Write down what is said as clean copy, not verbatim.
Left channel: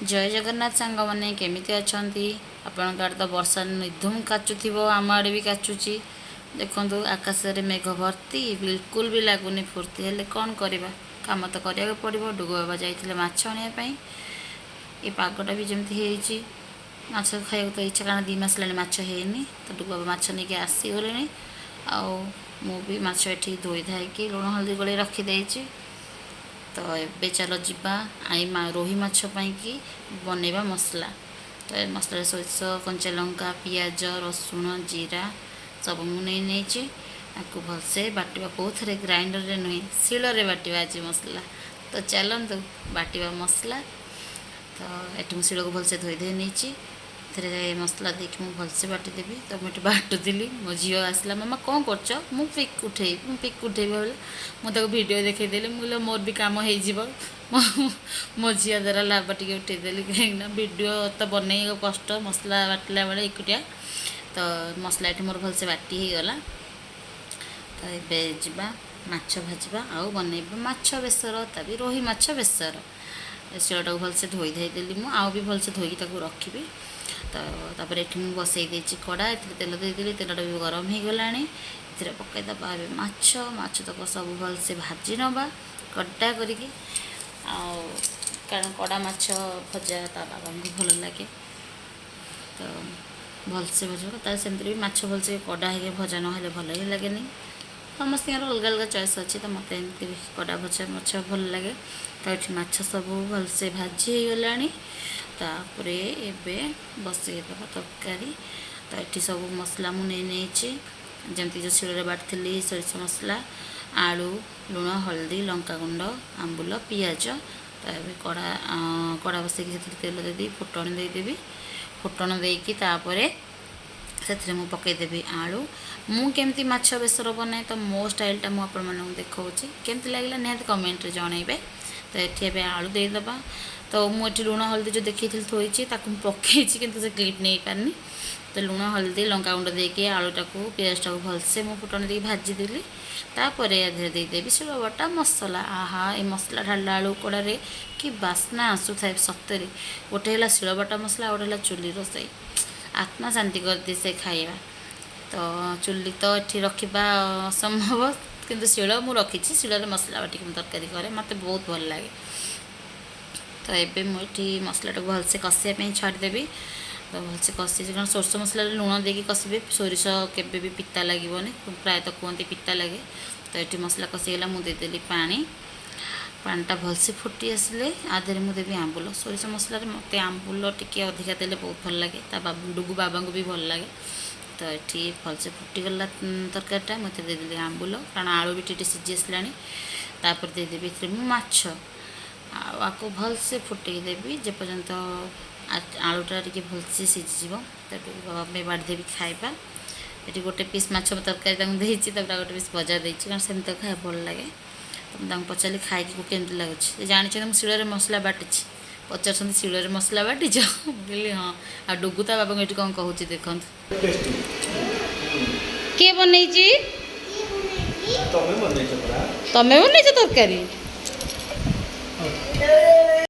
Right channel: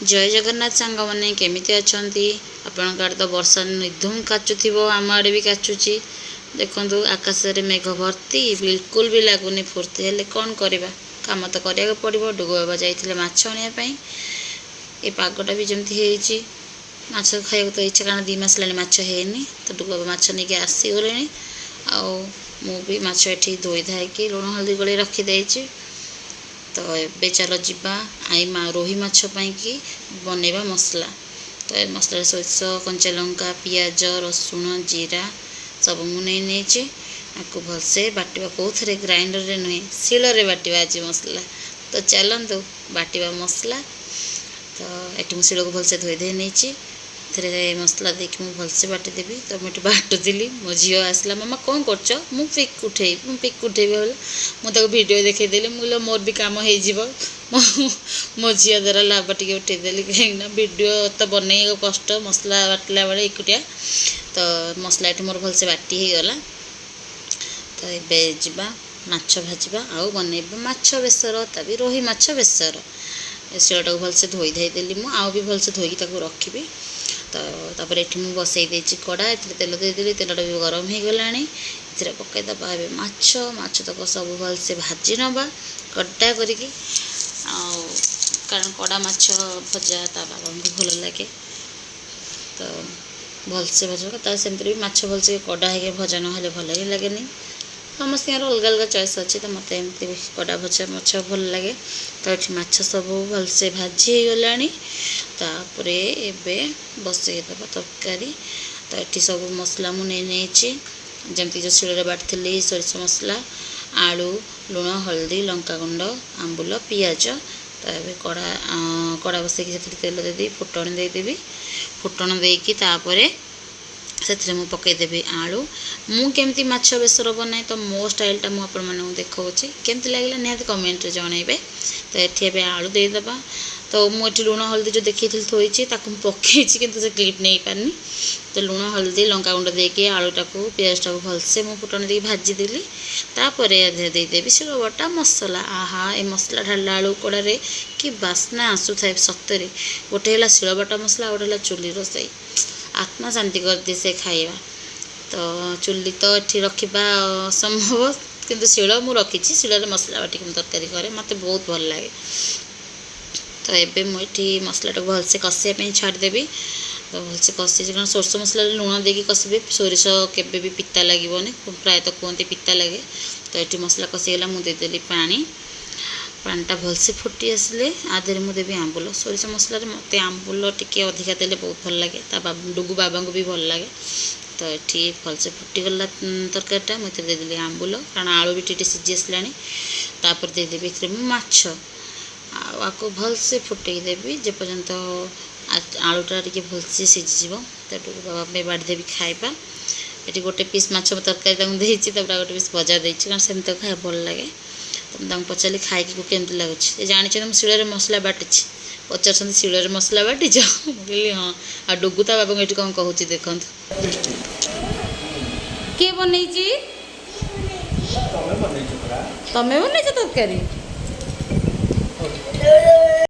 जय जगन्नाथ सांग मैंने केमिति अछंती आपण आड़े तो वर्षा निधुम काचुथिबो आम आड़े भी काचुची देखंतु आकाश रे मेघ भर्ती बिल्कुल भी लगुनि फुर्ती हेले कौन करवा काम तो करिया पड़िबो। डुगु बाबा जाइथिले माछ आनिया पई ए पागटा भी जेमती हेची माछ खाइया तो इच्छा कारण 2 मास लानी माछ हेनी तो डुगु बाबा माछ नहीं आसी गले आ मु भी माछ एठी धोई धाई के लुण हल्दी गोले रखी देइची। तो ये चलो जीवा आई रोही माछ की बनैबा मसला। तो ये मसला सोरिष कंचा लंका पियाज रसुण जीरा सब मुझे आपको भलसे बाटिबा कौन ग्राइंडर रे नुहे शिल रे बाटिबा आज मसला। तो चलतु बाटिबा मसला। तो ये मुझे शिल को भलसे धोई दे नहीं थे मसला देखिए मुझे भलसे बाटिदेवी। तो मुझे बाटुली मो झी आसला मामा कौन कर मु पिक उठेबी बोले मुझे भिडियो देखईदेली मुझे मोर भी कम हो मो झी द्वारा लाभ टे उठेदेली कहीं भिडियो तो बनई कष्ट मसला बाटिला बेले एकुटिया। तो मसला ये मोर भलसे बाटी हो गला। तो ये जा माछ भाजवा आउ बनैबा माछ बेसर तभी रोही माछ बेसर शिलटा को भलसे धोई धाई देली मु आउ भी भलसे धोई रखी। तो तापर ये मुझे बसई देची कड़ा ए तेल देदेली तेलटा भी गरम हो गला ए पकईदबा माछ माछ तक सब भलसे भाजी नवा कड़ा करके कारण कड़ा माछ भजा ता बाबा को भल लगे। तो भलसे भजा सेमती भी माछ भलसे कड़ा हो भजा ना भल ही लगे समस्त अलग अलग चॉइस अच्छी। तो मत एमती कड़ा भजा माछ भल लगे। तो ये माछ सब भलसे भाजी हो गला तापरे एबे बसईदबा तरकारी। तो ये सब मसला मुझे जमती जो शिल बाटी सोरिष मसला आलू लुण हल्दी लंका गुंड आंबुल पियाज। तो ये कड़ा बसई तेल देदी फुटण देदेवी फुटण देकी से मु पकईदेवी आलू मु केमती माछ बेसर बनाए। तो मो स्टाइलटा मुझे देखा केमती लगे निहत कमेंट रे जनइबे। तो ये आलू देदेबा। तो मुझे लुण हल्दी जो देखी थोड़ी पकई कि से क्लिप नहीं पारनी। तो लुण हल्दी लंका गुंड देके आलूटा को पियाजटा को भलसे मु फुटण दे भाजीदेली तापर देदेवी शिल बटा मसला। आहा ए मसला ढाला आलू कड़े कि बास्ना आसू थाए सतरे गोटे है शिल बटा मसला गोटे है चुली रोसई आत्मा शांति कर दी से खाइबा। तो चुली तो ये रखा असंभव किंतु शिल मु रखी शिल मसला बाटी तरकारी करे मत बहुत भल लगे। तो ये मुझे मसला टाक भलसे कषापी छाड़देवी। तो भलसे कषि कारण सोरष मसला लुण देकी कषे सोरिष केबे भी पिता लगे प्रायतः कहते पिता लगे। तो ये मसला कषिगला मुदेदेली पानीटा भलसे फुटी आसिले आधे मुझे आंबुल सोरिष मसला मत आंबुल टी अधिका देले बहुत भल लगे डुगु बाबा को भी भल लगे। तो ये भलसे फुटीगला तरकारीटा मुझे देदेली आंबुल कारण आलू भी टी सीझी आसलापर देदेवी माछ आपको भलसे फुटई देवी जेपर्यंत आलूटा टी भलसे सीझी। तो डुगु बाबा बाड़ीदेवी खाइबा। ये गोटे पीस माछ तरकारी देती गोटे पीस भजा देती कारण सेमती खाया भल लगे। तो मुझे पचारि खाई केमती लगुच जानी मुझे शिल मसला बाटी पचार शिल मसला बाटीच कहली हाँ आ डुगु ता बाबा ये कौन कहूँ देखु किए बनई तमें बनई तरकारी